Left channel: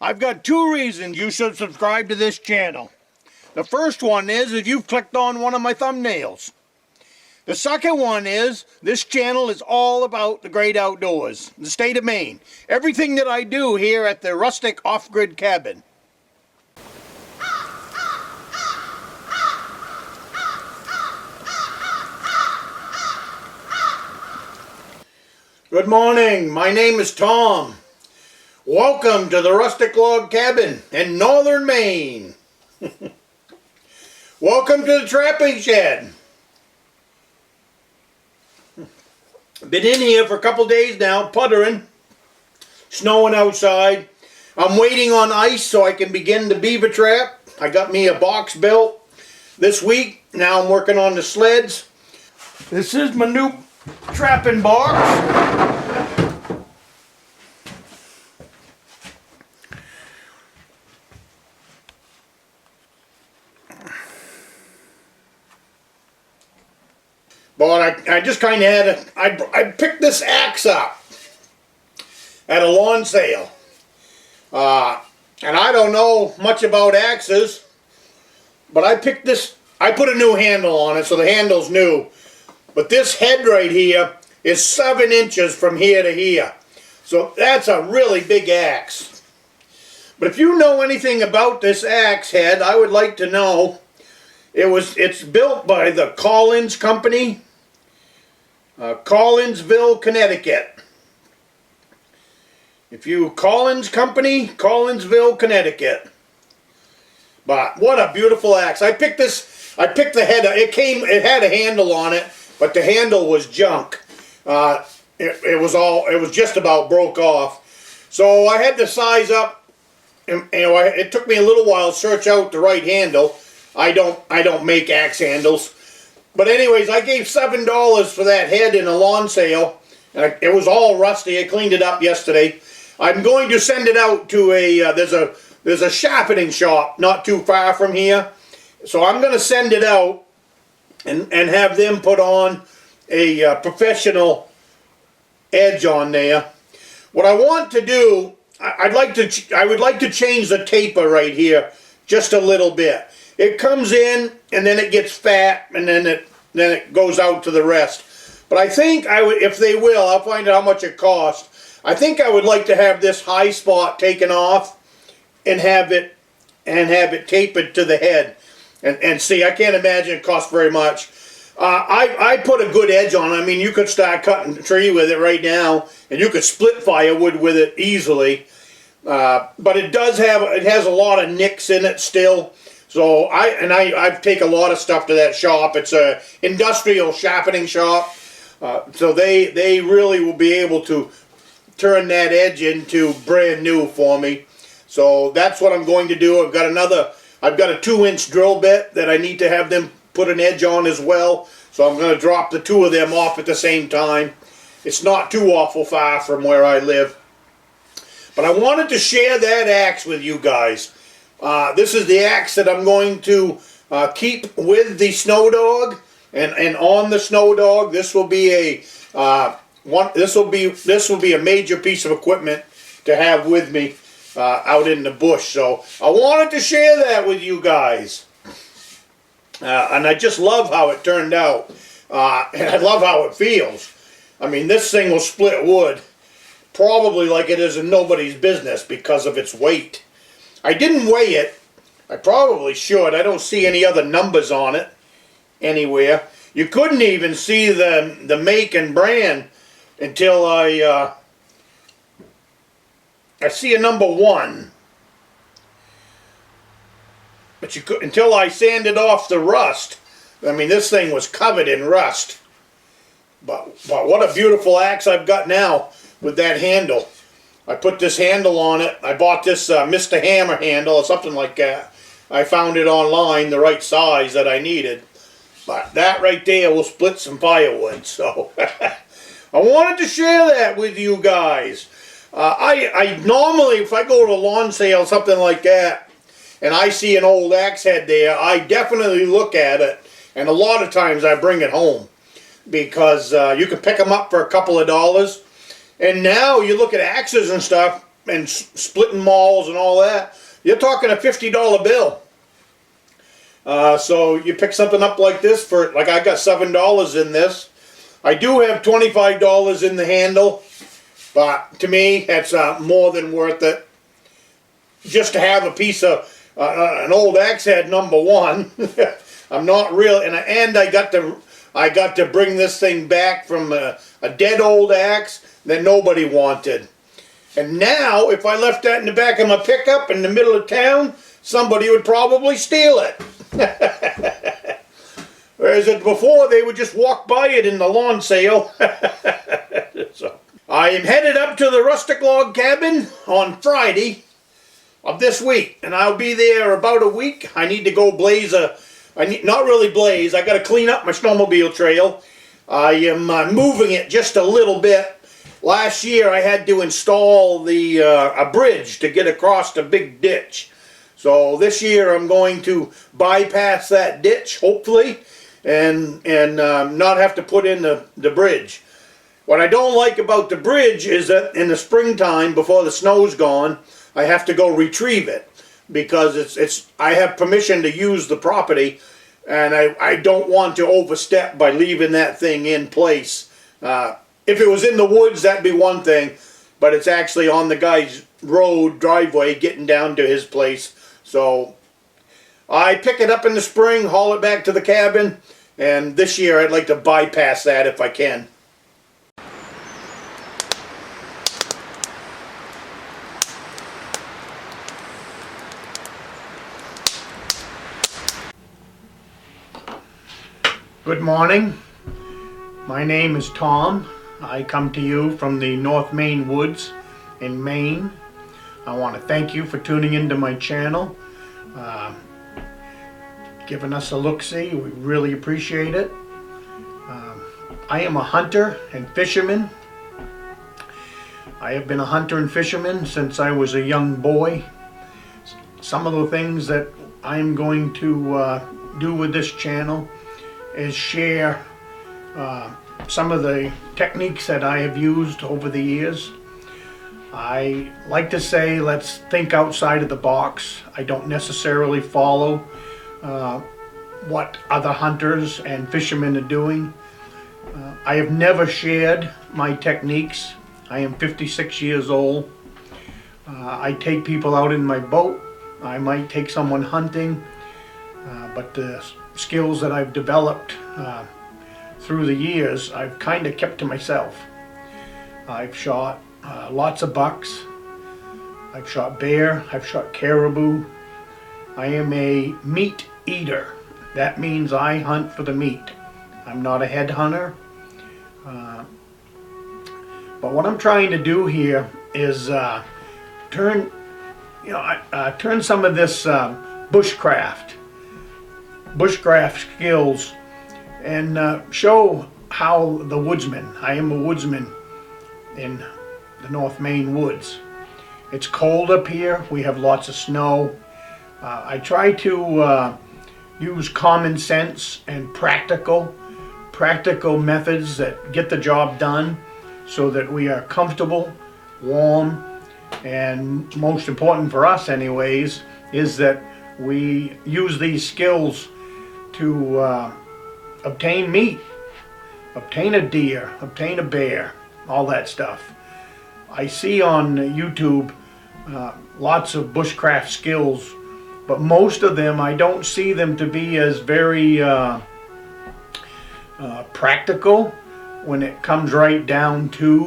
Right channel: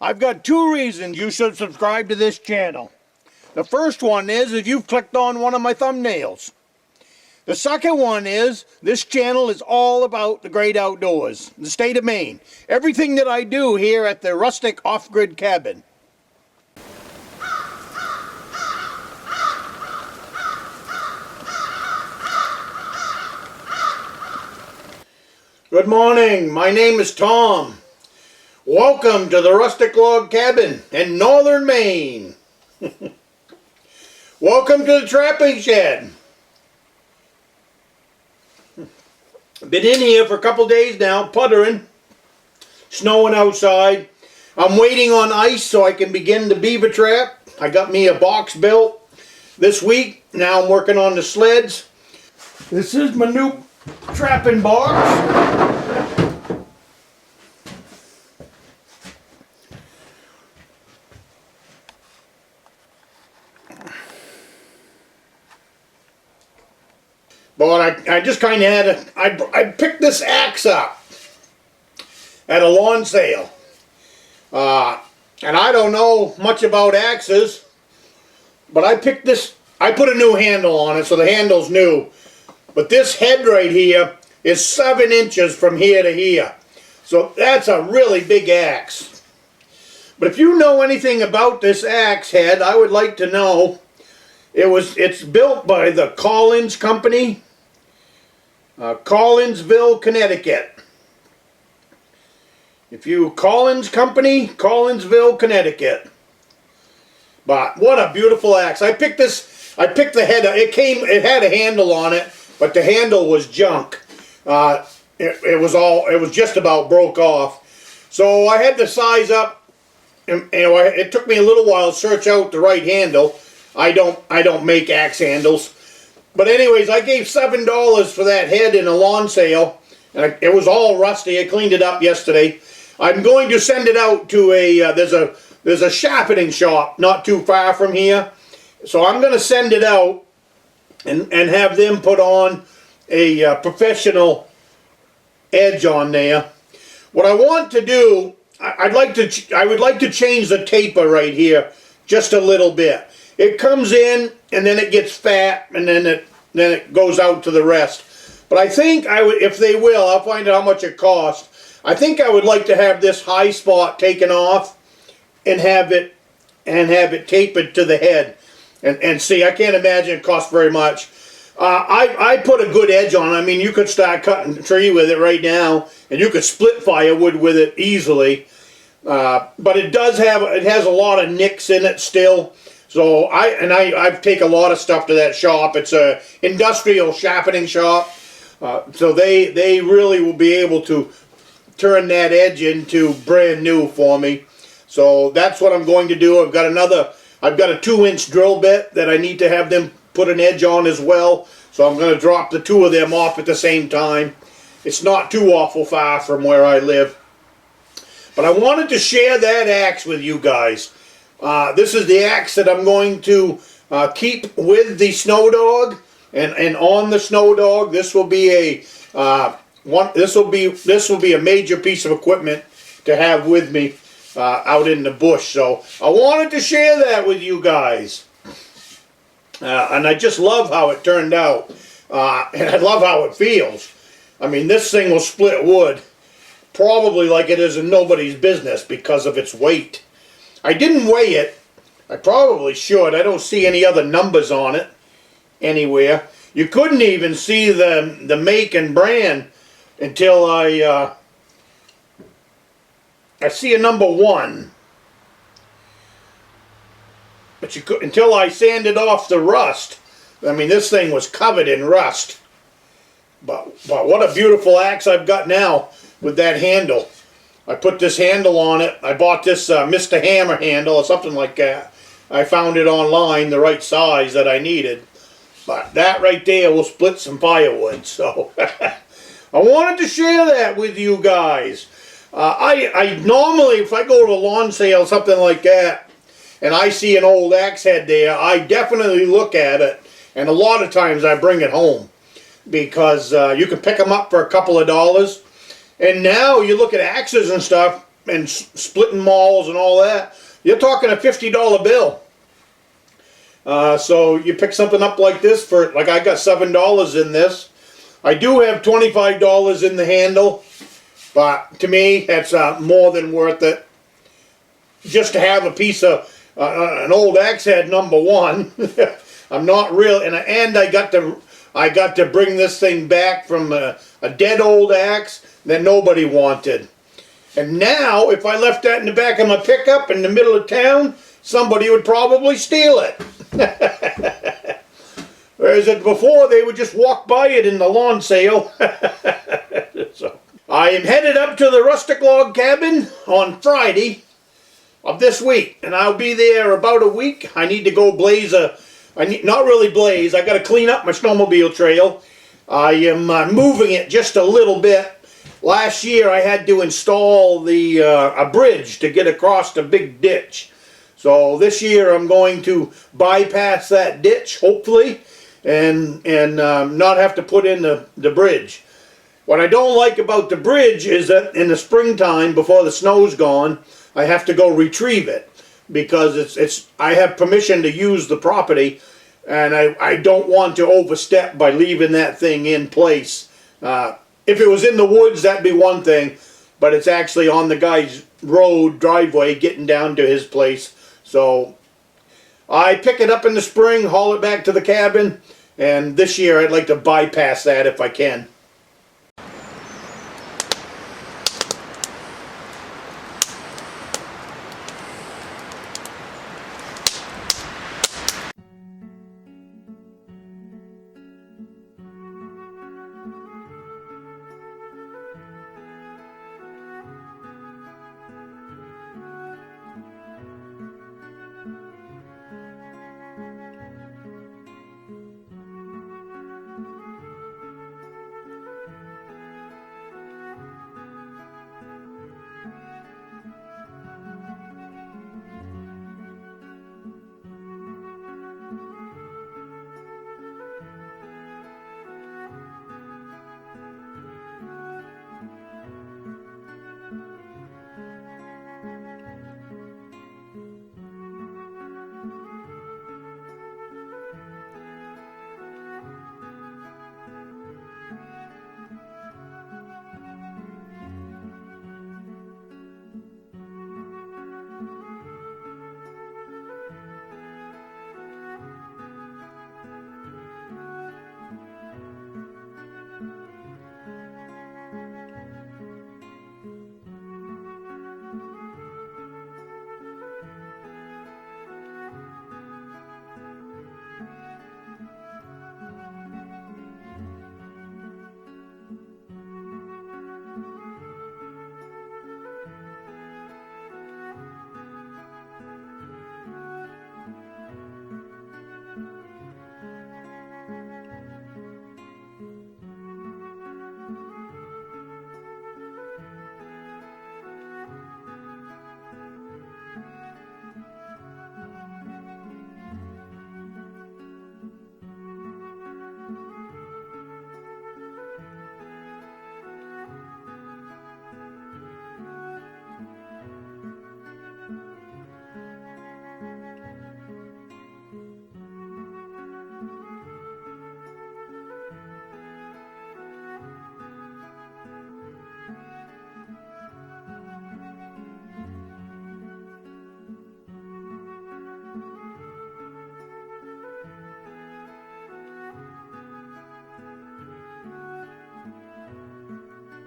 I've got two reasons you should subscribe to this channel. The first one is if you've clicked on one of my thumbnails. The second one is this channel is all about the great outdoors, the state of Maine. Everything that I do here at the Rustic off-grid cabin. Good morning, my name is Tom. Welcome to the Rustic log cabin in Northern Maine. Welcome to the trapping shed. Been in here for a couple days now, puttering, snowing outside. I'm waiting on ice so I can begin the beaver trap. I got me a box built this week. Now I'm working on the sleds. This is my new trapping box. But I just kind of had I picked this axe up at a lawn sale. And I don't know much about axes, but I picked this, I put a new handle on it, so the handle's new. But this head right here is 7 inches from here to here. So that's a really big axe. But if you know anything about this axe head, I would like to know. It's built by the Collins Company. Collinsville, Connecticut. Collins Company, Collinsville, Connecticut. But what a beautiful axe. I picked the head, it had a handle on it, but the handle was junk. It was just about broke off. So I had to size up, and it took me a little while to search out the right handle. I don't make axe handles. But anyways, I gave $7 for that head in a lawn sale, and it was all rusty. I cleaned it up yesterday. I'm going to send it out to there's a sharpening shop not too far from here. So I'm going to send it out and have them put on a professional edge on there. What I want to do, I would like to change the taper right here just a little bit. It comes in and then it gets fat and then it goes out to the rest. But I think if they will, I'll find out how much it costs. I think I would like to have this high spot taken off and have it tapered to the head. And see, I can't imagine it costs very much. I put a good edge on it. I mean, you could start cutting a tree with it right now, and you could split firewood with it easily. But it has a lot of nicks in it still. So I take a lot of stuff to that shop. It's a industrial sharpening shop. So they really will be able to turn that edge into brand new for me. So that's what I'm going to do. I've got a 2-inch drill bit that I need to have them put an edge on as well. So I'm going to drop the two of them off at the same time. It's not too awful far from where I live. But I wanted to share that axe with you guys. This is the axe that I'm going to keep with the Snowdog, and on the Snowdog, this will be a major piece of equipment to have with me out in the bush. So I wanted to share that with you guys, and I just love how it turned out, and I love how it feels. I mean, this thing will split wood probably like it is in nobody's business because of its weight. I didn't weigh it. I probably should. I don't see any other numbers on it anywhere. You couldn't even see the make and brand until I see a number 1. But you could until I sanded off the rust. I mean, this thing was covered in rust. But what a beautiful axe I've got now with that handle. I put this handle on it. I bought this Mr. Hammer handle or something like that. I found it online, the right size that I needed. But that right there will split some firewood. So I wanted to share that with you guys. I normally, if I go to a lawn sale, something like that, and I see an old axe head there, I definitely look at it. And a lot of times I bring it home. Because you can pick them up for a couple of dollars. And now you look at axes and stuff, and splitting malls and all that, you're talking a $50 bill. So you pick something up like this for, like I got $7 in this. I do have $25 in the handle, but to me that's more than worth it. Just to have a piece of an old axe head #1. I'm not real, and I got to bring this thing back from a dead old axe that nobody wanted. And now, if I left that in the back of my pickup in the middle of town, somebody would probably steal it. Whereas before, they would just walk by it in the lawn sale. So, I am headed up to the Rustic log cabin on Friday of this week, and I'll be there about a week. I need to go blaze not really blaze, I got to clean up my snowmobile trail. I am moving it just a little bit. Last year I had to install a bridge to get across the big ditch. So this year I'm going to bypass that ditch, hopefully, and not have to put in the bridge. What I don't like about the bridge is that in the springtime, before the snow's gone, I have to go retrieve it, because I have permission to use the property, and I don't want to overstep by leaving that thing in place. If it was in the woods, that'd be one thing, but it's actually on the guy's driveway getting down to his place. So I pick it up in the spring, haul it back to the cabin, and this year I'd like to bypass that if I can. Good morning. My name is Tom. I come to you from the North Maine woods in Maine. I want to thank you for tuning into my channel, giving us a look-see. We really appreciate it. I am a hunter and fisherman. I have been a hunter and fisherman since I was a young boy. Some of the things that I'm going to do with this channel is share some of the techniques that I have used over the years. I like to say, let's think outside of the box. I don't necessarily follow what other hunters and fishermen are doing. I have never shared my techniques. I am 56 years old. I take people out in my boat. I might take someone hunting, but the skills that I've developed through the years, I've kind of kept to myself. I've shot lots of bucks. I've shot bear. I've shot caribou. I am a meat eater. That means I hunt for the meat. I'm not a head hunter. But what I'm trying to do here is turn some of this bushcraft skills and show how the woodsman. I am a woodsman in the North Maine woods. It's cold up here. We have lots of snow. I try to use common sense and practical methods that get the job done, so that we are comfortable, warm, and most important for us anyways, is that we use these skills to obtain meat, obtain a deer, obtain a bear, all that stuff. I see on YouTube lots of bushcraft skills, but most of them, I don't see them to be as very practical when it comes right down to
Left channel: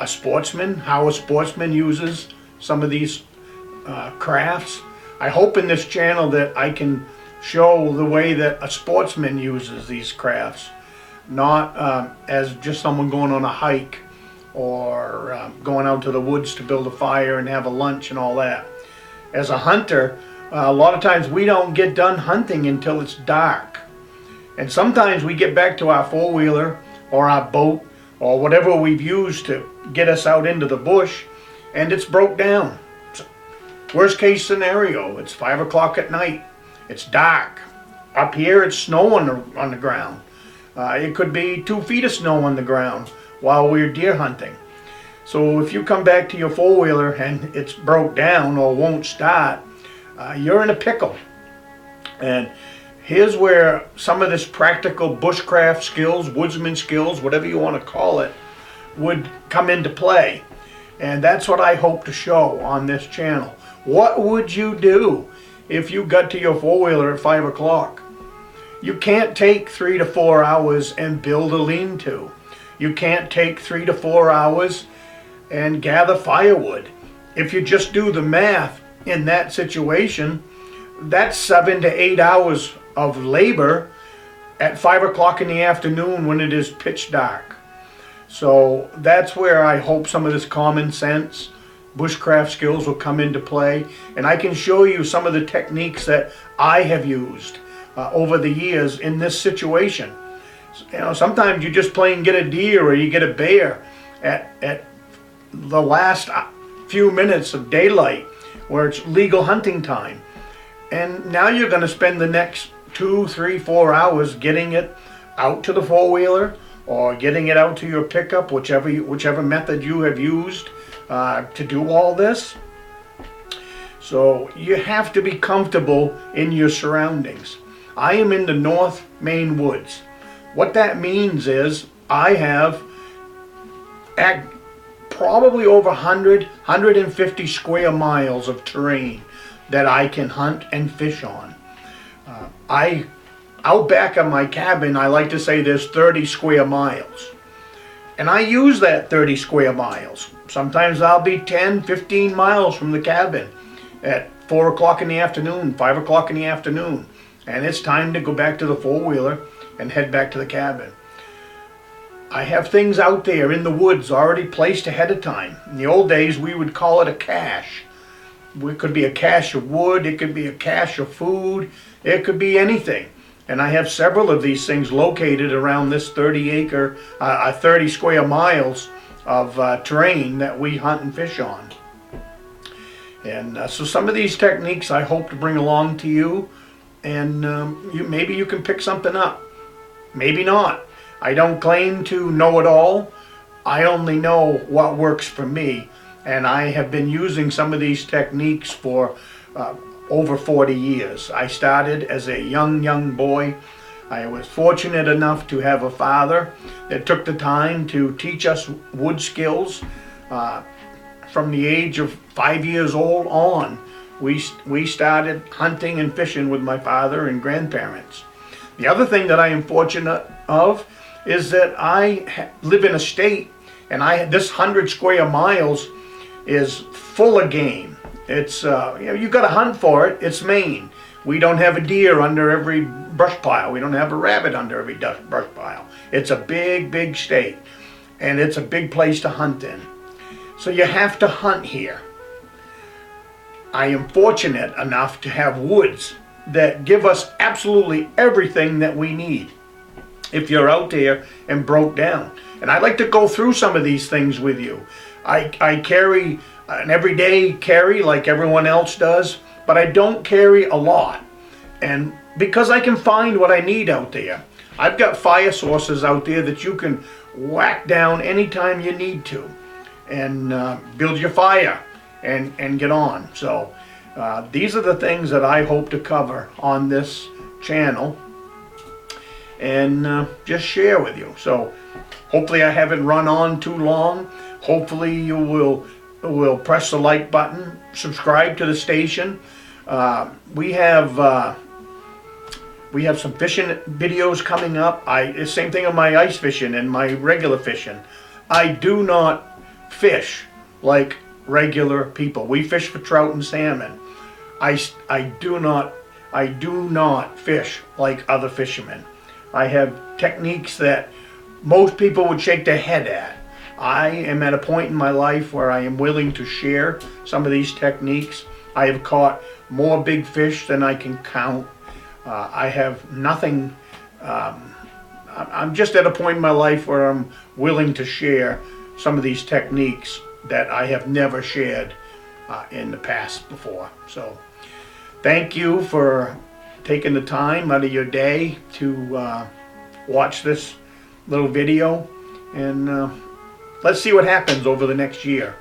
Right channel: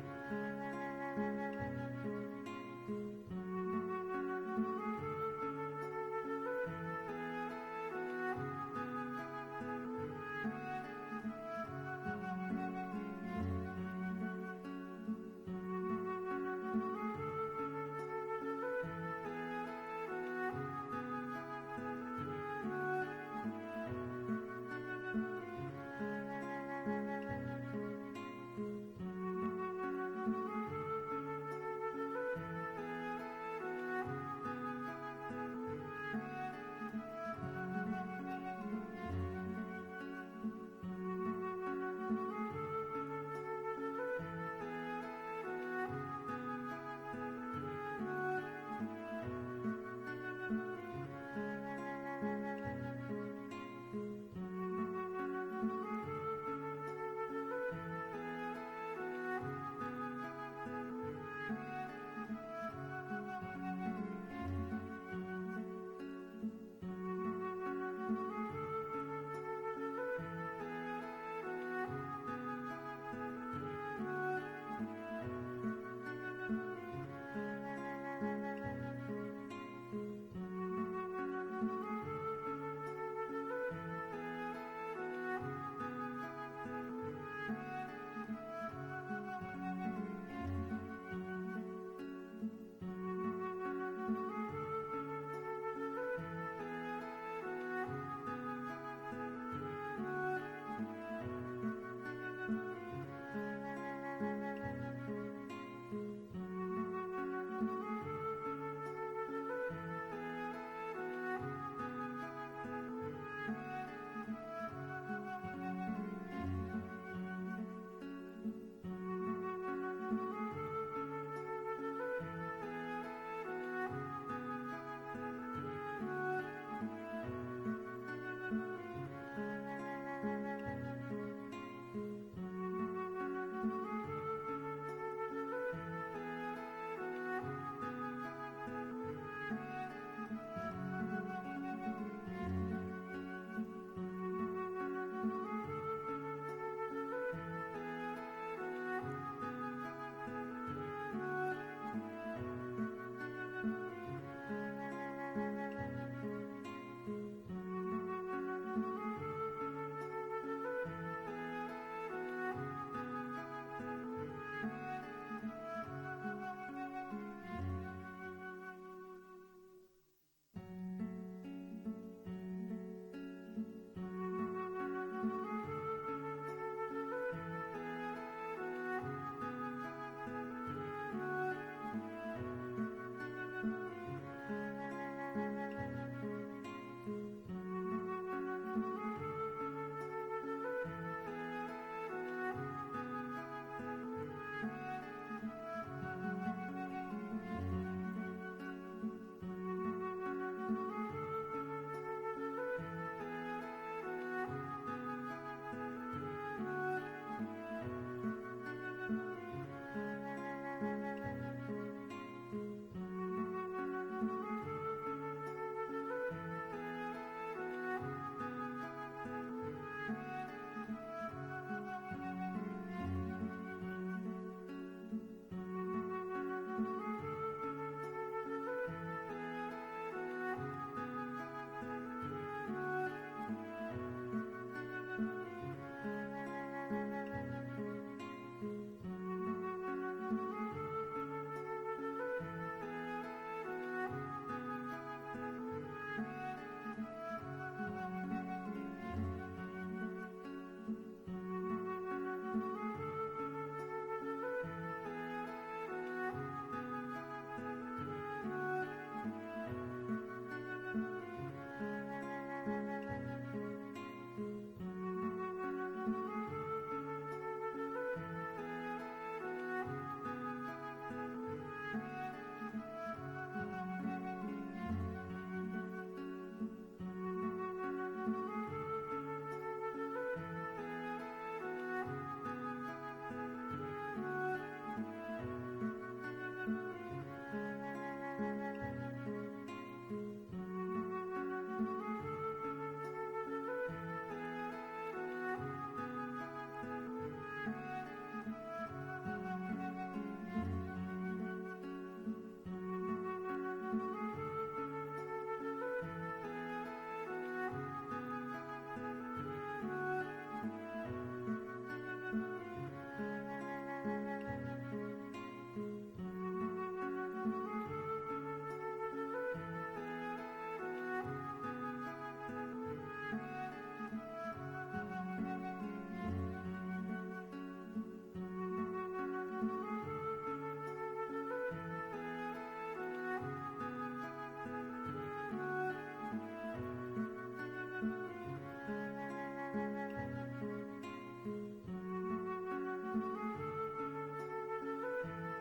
a sportsman, how a sportsman uses some of these crafts. I hope in this channel that I can show the way that a sportsman uses these crafts, not as just someone going on a hike or going out to the woods to build a fire and have a lunch and all that. As a hunter, a lot of times we don't get done hunting until it's dark. And sometimes we get back to our four-wheeler or our boat or whatever we've used to get us out into the bush, and it's broke down. Worst case scenario, it's 5 o'clock at night. It's dark. Up here it's snow on the ground. It could be 2 feet of snow on the ground while we're deer hunting. So if you come back to your four-wheeler and it's broke down or won't start, you're in a pickle. And here's where some of this practical bushcraft skills, woodsman skills, whatever you want to call it, would come into play. And that's what I hope to show on this channel. What would you do if you got to your four-wheeler at 5 o'clock? You can't take 3 to 4 hours and build a lean-to. You can't take 3 to 4 hours and gather firewood. If you just do the math in that situation, that's 7 to 8 hours of labor at 5 o'clock in the afternoon when it is pitch dark. So that's where I hope some of this common sense bushcraft skills will come into play, and I can show you some of the techniques that I have used over the years in this situation. You know, sometimes you just plain get a deer or you get a bear at the last few minutes of daylight where it's legal hunting time, and now you're going to spend the next 2, 3, 4 hours getting it out to the four-wheeler or getting it out to your pickup, whichever method you have used to do all this. So you have to be comfortable in your surroundings. I am in the North Maine woods. What that means is I have probably over 150 square miles of terrain that I can hunt and fish on. Out back of my cabin, I like to say there's 30 square miles. And I use that 30 square miles. Sometimes I'll be 10, 15 miles from the cabin at 4 o'clock in the afternoon, 5 o'clock in the afternoon. And it's time to go back to the four-wheeler and head back to the cabin. I have things out there in the woods already placed ahead of time. In the old days, we would call it a cache. It could be a cache of wood, it could be a cache of food, it could be anything. And I have several of these things located around this 30 square miles of terrain that we hunt and fish on. And so some of these techniques I hope to bring along to you, and maybe you can pick something up. Maybe not. I don't claim to know it all. I only know what works for me. And I have been using some of these techniques for over 40 years. I started as a young boy. I was fortunate enough to have a father that took the time to teach us wood skills. From the age of 5 years old on, we started hunting and fishing with my father and grandparents. The other thing that I am fortunate of is that I live in a state, and this 100 square miles is full of game. It's you got to hunt for it. It's Maine. We don't have a deer under every brush pile. We don't have a rabbit under every brush pile. It's a big state, and it's a big place to hunt in. So you have to hunt here. I am fortunate enough to have woods that give us absolutely everything that we need if you're out there and broke down. And I'd like to go through some of these things with you. I carry an everyday carry like everyone else does, but I don't carry a lot. And because I can find what I need out there. I've got fire sources out there that you can whack down anytime you need to and build your fire and get on. So these are the things that I hope to cover on this channel and just share with you. So hopefully I haven't run on too long. Hopefully you will press the like button, subscribe to the station. We have some fishing videos coming up. Same thing on my ice fishing and my regular fishing. I do not fish like regular people. We fish for trout and salmon. I do not fish like other fishermen. I have techniques that most people would shake their head at. I am at a point in my life where I am willing to share some of these techniques. I have caught more big fish than I can count. I have nothing. I'm just at a point in my life where I'm willing to share some of these techniques that I have never shared in the past before. So thank you for taking the time out of your day to watch this little video, and let's see what happens over the next year.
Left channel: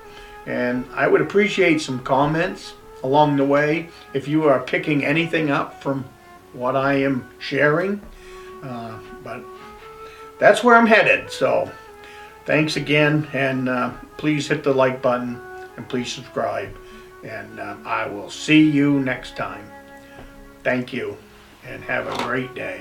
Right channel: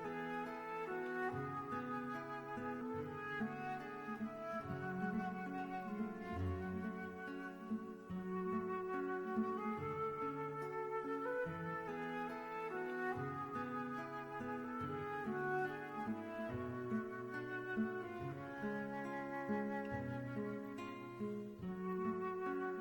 And I would appreciate some comments along the way if you are picking anything up from what I am sharing. But that's where I'm headed. So thanks again, and please hit the like button and please subscribe. And I will see you next time. Thank you, and have a great day.